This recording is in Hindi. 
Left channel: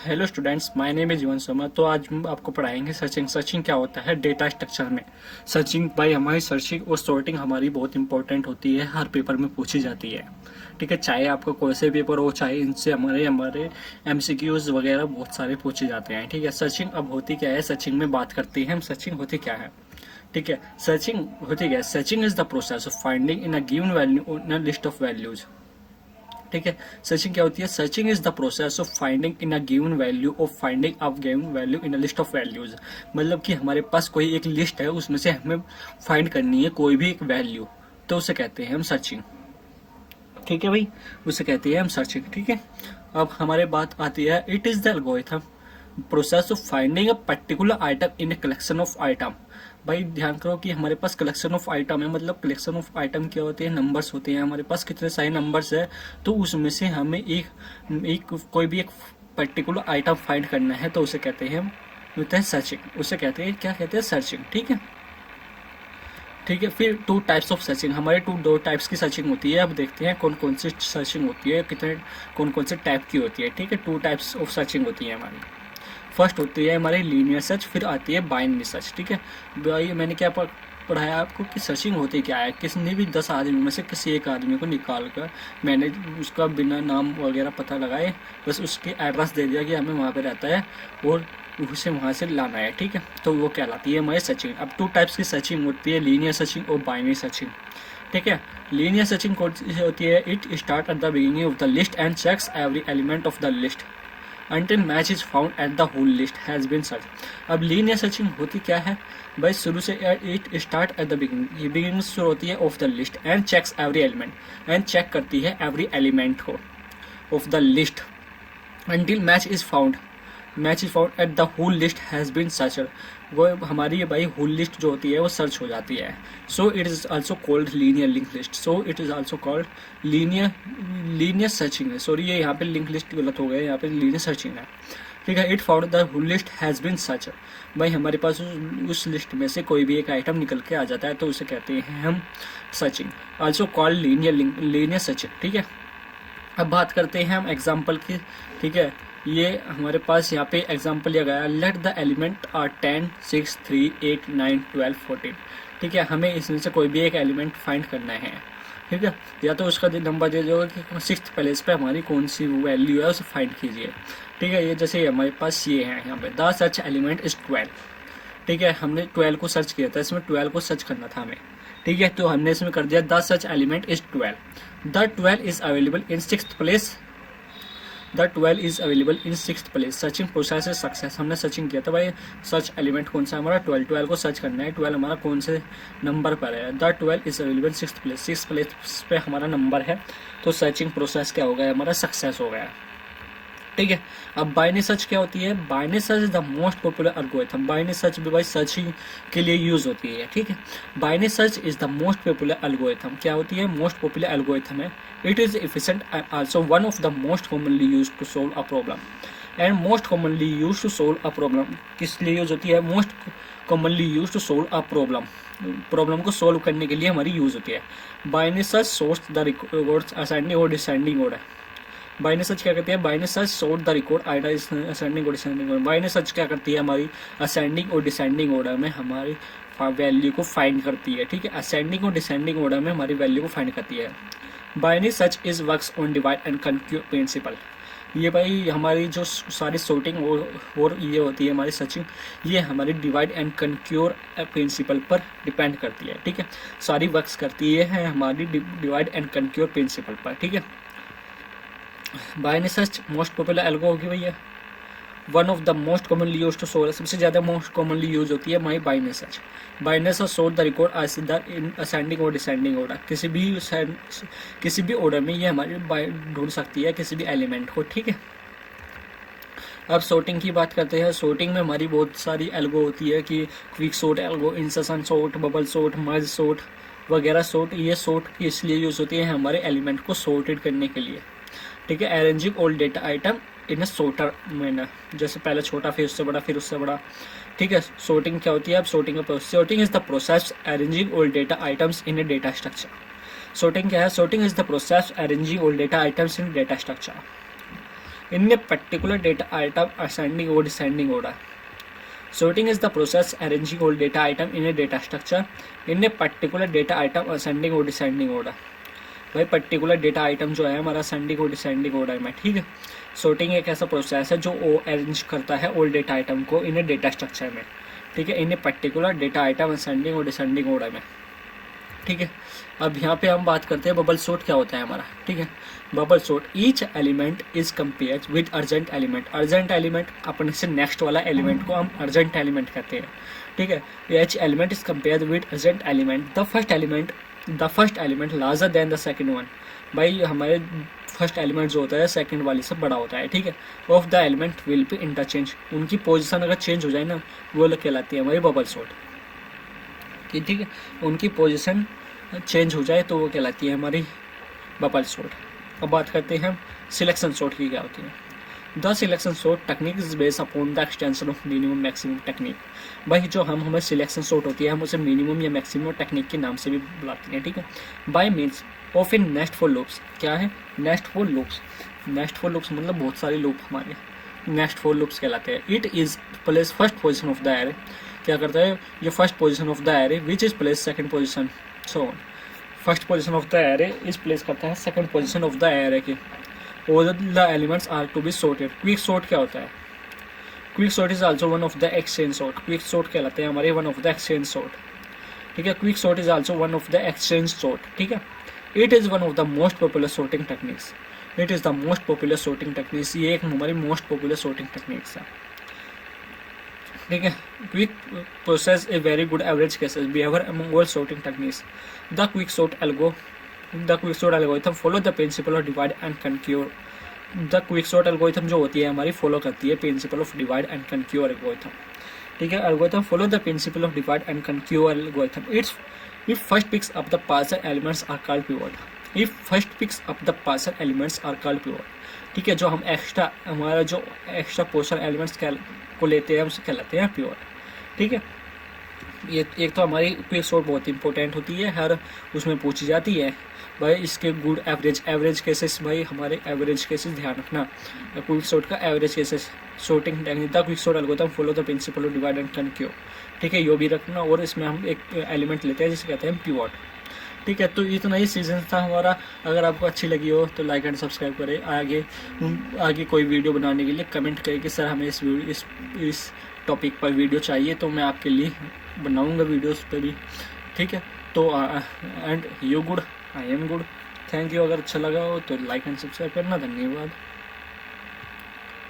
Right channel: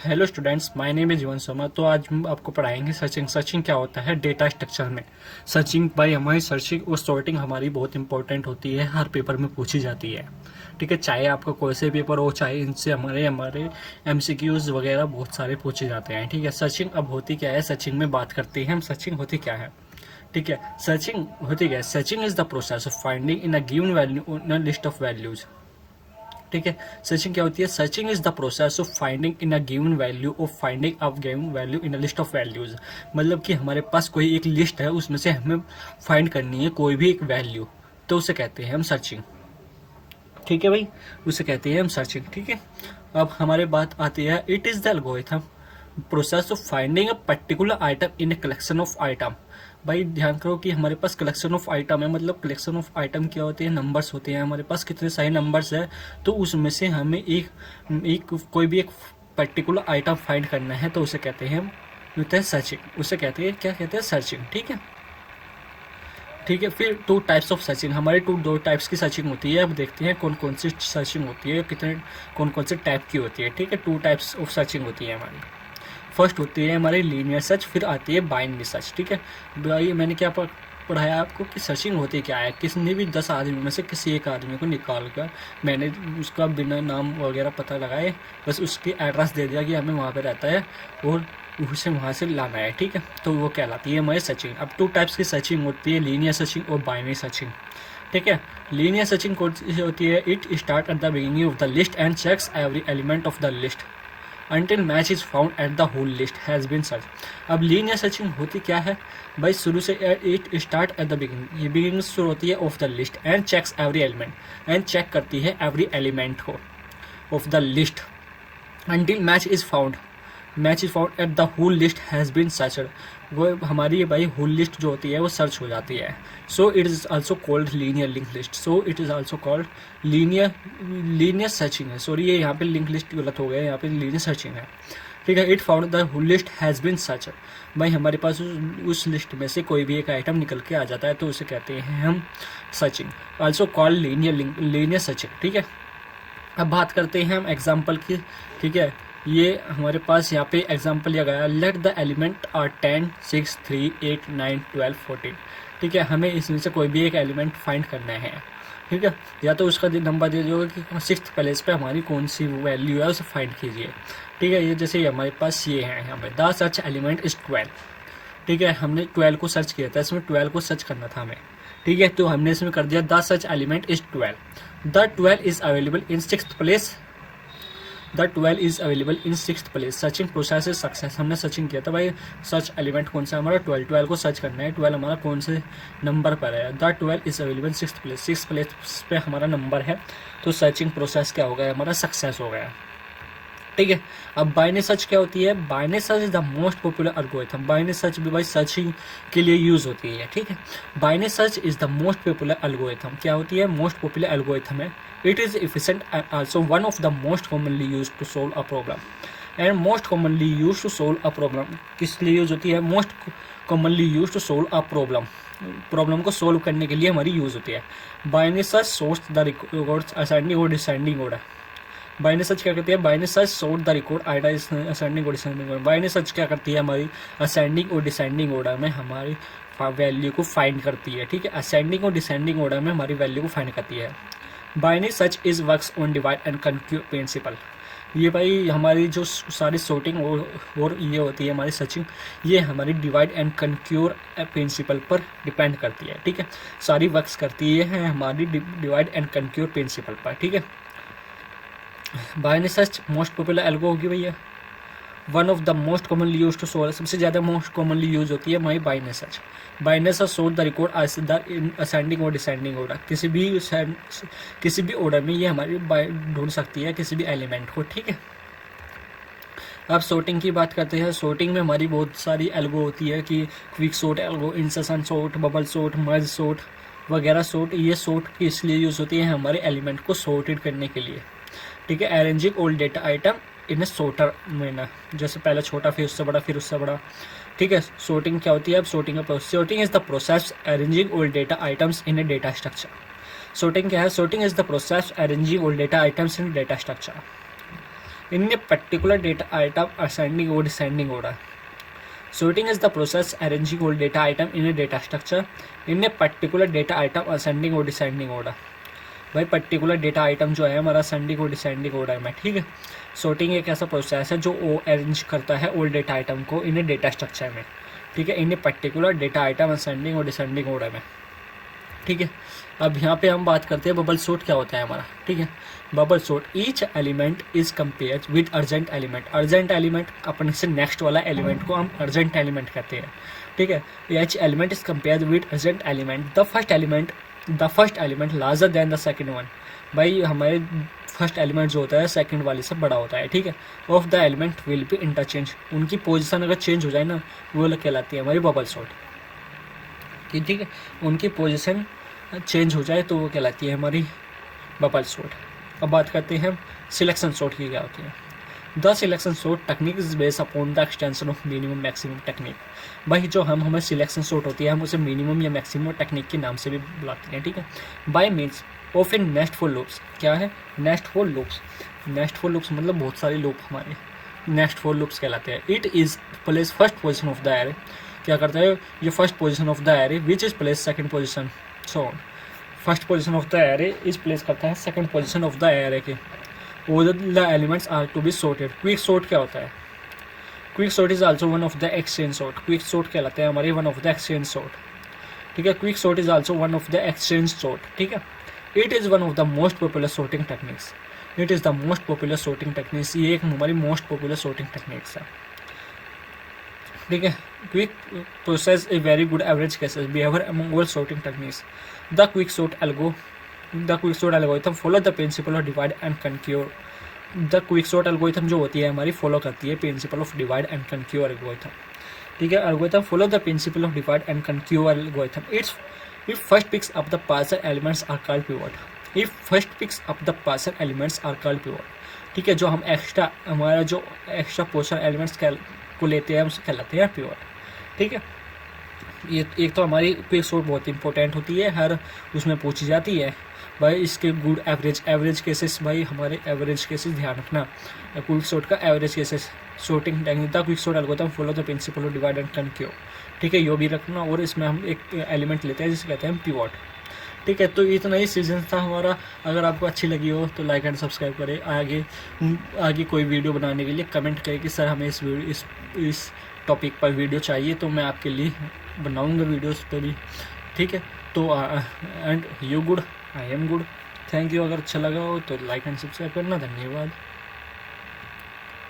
Hello students, my name is जीवन शर्मा। तो आज हम आपको पढ़ाएंगे सर्चिंग। सर्चिंग क्या होता है डेटा स्ट्रक्चर में। सर्चिंग बाय हमारी सर्चिंग और सॉर्टिंग हमारी बहुत इंपॉर्टेंट होती है, हर पेपर में पूछी जाती है। ठीक है, चाहे आपका कोई से पेपर हो, चाहे इनसे हमारे हमारे एमसीक्यूज वगैरह बहुत सारे पूछे जाते हैं। ठीक है, सर्चिंग अब होती क्या है, सर्चिंग में बात करते हैं हम। सर्चिंग होती क्या है, ठीक है। सर्चिंग होती क्या है, searching is the process of finding in a given value in a list of values. ठीक है, सर्चिंग क्या होती है, searching is the process of finding in a given value of finding a given value in a list of values. मतलब कि हमारे पास कोई एक लिस्ट है, उसमें से हमें फाइंड करनी है कोई भी एक वैल्यू, तो उसे कहते हैं हम सर्चिंग। ठीक है भाई, उसे कहते हैं हम सर्चिंग। ठीक है, अब हमारे बात आती है, it is the algorithm process of finding a particular item in a collection of item. भाई ध्यान करो कि हमारे पास कलेक्शन ऑफ आइटम है, मतलब कलेक्शन ऑफ आइटम क्या होते हैं, नंबर्स होते हैं। हमारे पास कितने सारे नंबर्स है, तो उसमें से हमें एक कोई भी एक पर्टिकुलर आइटम फाइंड करना है, तो उसे कहते हैं हम, होता है सर्चिंग। उसे कहते हैं, क्या कहते हैं, सर्चिंग। ठीक है, ठीक है। फिर टू टाइप्स ऑफ सर्चिंग, हमारे दो टाइप्स की सर्चिंग होती है। अब देखते हैं कौन कौन सी सर्चिंग होती है, कितने कौन कौन से टाइप की होती है। ठीक है, टू टाइप्स ऑफ सर्चिंग होती है हमारी। फर्स्ट होती है हमारी लीनियर सर्च, फिर आती है बाइनरी सर्च। ठीक है भाई, मैंने क्या पढ़ाया आपको कि सर्चिंग होती क्या है। किसी भी 10 आदमी में से किसी एक आदमी को निकाल कर मैंने उसका बिना नाम वगैरह पता लगाए बस उसकी एड्रेस दे दिया कि हमें वहाँ पे रहता है और उसे वहाँ से लाना है। ठीक है, तो वो कहलाती है हमारी सर्चिंग। अब टू टाइप्स की सर्चिंग होती है, लीनियर सर्चिंग और बाइनरी सर्चिंग। ठीक है, लीनियर सर्चिंग कौन सी होती है, it start at the beginning of the list and checks every element of the list until match is found at the whole list has been searched। अब लीनियर सर्चिंग होती क्या है भाई, शुरू से it start at the beginning, ये बिगिनिंग शुरू होती है of the list and checks every element, and check करती है एवरी एलिमेंट को of the list until match is found, match is found at the whole list has been searched. वो हमारी भाई होल लिस्ट जो होती है वो सर्च हो जाती है। So it is also called linear link list, so it is also called linear searching है। सॉरी, ये यहाँ पे लिंक लिस्ट गलत हो गया, यहाँ पे लीनियर सर्चिंग है। ठीक है, it found the whole list has been searched. भाई हमारे पास उस लिस्ट में से कोई भी एक आइटम निकल के आ जाता है, तो उसे कहते हैं हम searching, also called linear searching. ठीक है, अब बात करते हैं हम एग्जाम्पल की। ठीक है, ये हमारे पास यहाँ पे एग्जाम्पल लिया गया, लेट द एलिमेंट आर 10, 6, 3, 8, 9, 12, 14। ठीक है, हमें इसमें से कोई भी एक एलिमेंट फाइंड करना है। ठीक है, या तो उसका नंबर दे दोगे कि सिक्स्थ प्लेस पे हमारी कौन सी वैल्यू है, उसे फाइंड कीजिए। ठीक है, ये जैसे हमारे पास ये है यहाँ पे, द सर्च एलिमेंट इज 12। ठीक है, हमने 12 को सर्च किया था, इसमें 12 को सर्च करना था हमें। ठीक है, तो हमने इसमें कर दिया the search element is 12। The 12 is available in sixth place, the 12 is available in sixth place. Searching process is success, हमने सर्चिंग किया था भाई, सर्च एलिमेंट कौन सा हमारा 12, 12 को सर्च करना है, 12 हमारा कौन से नंबर पर है, the 12 is available sixth place, sixth place पे हमारा नंबर है, तो सर्चिंग प्रोसेस क्या हो गया, हमारा सक्सेस हो गया। ठीक है, अब बाइनरी सर्च क्या होती है, binary search is the most popular algorithm. Binary search भी भाई सर्चिंग के लिए यूज होती है। ठीक है, binary search is the most popular algorithm, क्या होती है, मोस्ट पॉपुलर एल्गोरिथम है। It is efficient and also one of the most commonly use to solve a problem, and most commonly use to solve a problem किस लिए यूज होती है, most commonly use to solve a problem, problem को सोल्व करने के लिए हमारी यूज होती है। Binary search sorts the records ascending और डिसेंडिंग ऑर्डर। बाइनरी सर्च क्या करती है, binary search sort the record Aida is ascending और डिसेंडिंग ऑर्डर। बाइनरी सर्च क्या करती है, हमारी असेंडिंग और डिसेंडिंग ऑर्डर में हमारी वैल्यू को फाइंड करती है। ठीक है, असेंडिंग और डिसेंडिंग ऑर्डर में हमारी वैल्यू को फाइंड करती है। Binary search is works on divide and conquer principle. ये भाई हमारी जो सारी सॉर्टिंग और ये होती है हमारी सर्चिंग, ये हमारी डिवाइड एंड कंक्योर प्रिंसिपल पर डिपेंड करती है। ठीक है, सारी वर्क्स करती है हमारी डिवाइड एंड कंक्योर प्रिंसिपल पर। ठीक है, binary search most popular algo होगी भैया, one of the most commonly use to solve, सबसे ज़्यादा मोस्ट कॉमनली यूज होती है हमारी binary search. Binary search sort the record in ascending और डिसेंडिंग ऑर्डर, किसी भी ऑर्डर में ये हमारी ढूंढ सकती है किसी भी एलिमेंट को। ठीक है, अब सॉर्टिंग की बात करते हैं। सॉर्टिंग में हमारी बहुत सारी एल्गो होती है कि quick sort algo, insertion sort, bubble sort, merge sort वगैरह सॉर्ट। ये सॉर्ट किस लिए यूज होती है, हमारे एलिमेंट को सॉर्टेड करने के लिए। ठीक है, अरेंजिंग ऑल डेटा आइटम इन ए सॉर्टर मैनर, जैसे पहले छोटा फिर उससे बड़ा फिर उससे बड़ा। ठीक है, सॉर्टिंग क्या होती है, अब sorting is the process arranging all data items in a data structure. Sorting क्या है, sorting is the process arranging all data items in data structure. In a particular data item ascending और descending order. Sorting is the process arranging all data item in a data structure in a particular data item ascending or descending order। भाई पर्टिकुलर डेटा आइटम जो है हमारा असेंडिंग और डिसेंडिंग ऑर्डर में, ठीक है। सॉर्टिंग एक ऐसा प्रोसेस है जो अरेंज करता है ऑल डेटा आइटम को इन ए डेटा स्ट्रक्चर में, ठीक है, in a particular data item ascending और डिसेंडिंग ऑर्डर में, ठीक है। अब यहाँ पे हम बात करते हैं बबल सॉर्ट क्या होता है हमारा, ठीक है। Bubble sort, each element is compared with urgent element. Urgent element अपने से नेक्स्ट वाला एलिमेंट को हम अर्जेंट एलिमेंट कहते हैं, ठीक है। Each element is compared with urgent element, the first element larger than the second one. भाई हमारे फर्स्ट एलिमेंट जो होता है सेकंड वाले से बड़ा होता है, ठीक है। Of the element will be interchange, उनकी पोजीशन अगर चेंज हो जाए ना, वो लोग कहलाती है हमारी बबल सॉर्ट, ठीक है। उनकी पोजीशन चेंज हो जाए तो वो कहलाती है हमारी बबल सॉर्ट। अब बात करते हैं सिलेक्शन सॉर्ट की क्या होती है। The selection sort technique is based upon the extension of minimum maximum technique. भाई जो हमारे सिलेक्शन सॉर्ट होती है हम उसे मिनिमम या मैक्सिमम टेक्निक के नाम से भी बुलाते हैं, ठीक है। Bye means of in nest for loops. क्या है nest for loops? Nest for loops मतलब बहुत सारे लूप हमारे नेस्ट फॉर लूप्स कहलाते हैं। It is place first position of the array. क्या करता है ये first position of the array which is place second position, so on. First position of the array is place करता है second position of the array के। और the elements are to be sorted. Quick sort क्या होता है? Quick sort is also one of the exchange sort. Quick sort कहलाते हैं हमारे one of the exchange sort, ठीक है। Quick sort is also one of the exchange sort, ठीक है। It is one of the most popular sorting techniques. It is the most popular sorting techniques. ये एक हमारी मोस्ट पॉपुलर सॉर्टिंग टेक्निक्स है, ठीक है। Quick process a very good average cases behaviour among all sorting techniques. The quick sort algorithm follow the principle of divide and conquer. The quick sort algorithm जो होती है हमारी फॉलो करती है principle of divide and conquer algorithm, ठीक है। Algorithm follow the principle of divide and conquer algorithm. It's if first picks up the partial elements are called pivot. If first picks up the partial elements are called pivot, ठीक है। जो हम एक्स्ट्रा हमारा जो एक्स्ट्रा पोर्शन एलिमेंट्स को लेते हैं उसे कहलाते हैं पिवट, ठीक है। ये एक तो हमारी क्विक सॉर्ट बहुत इंपॉर्टेंट होती है, हर उसमें पूछी जाती है भाई इसके गुड एवरेज केसेस। भाई हमारे एवरेज केसेस ध्यान रखना, क्विक सॉर्ट का average cases sorting technique the quick sort algorithm follow the principle of divide and conquer, ठीक है। यो भी रखना। और इसमें हम एक एलिमेंट लेते हैं जिसे कहते हैं पिवट, ठीक है। तो इतना ही सीजन था हमारा। अगर आपको अच्छी लगी हो तो लाइक एंड सब्सक्राइब करें। आगे कोई वीडियो बनाने के लिए कमेंट करें कि सर हमें इस टॉपिक पर वीडियो चाहिए, तो मैं आपके लिए बनाऊंगा वीडियोस पे भी, ठीक है। तो and you good, I am good. Thank you. अगर अच्छा लगा हो तो लाइक एंड सब्सक्राइब करना। धन्यवाद।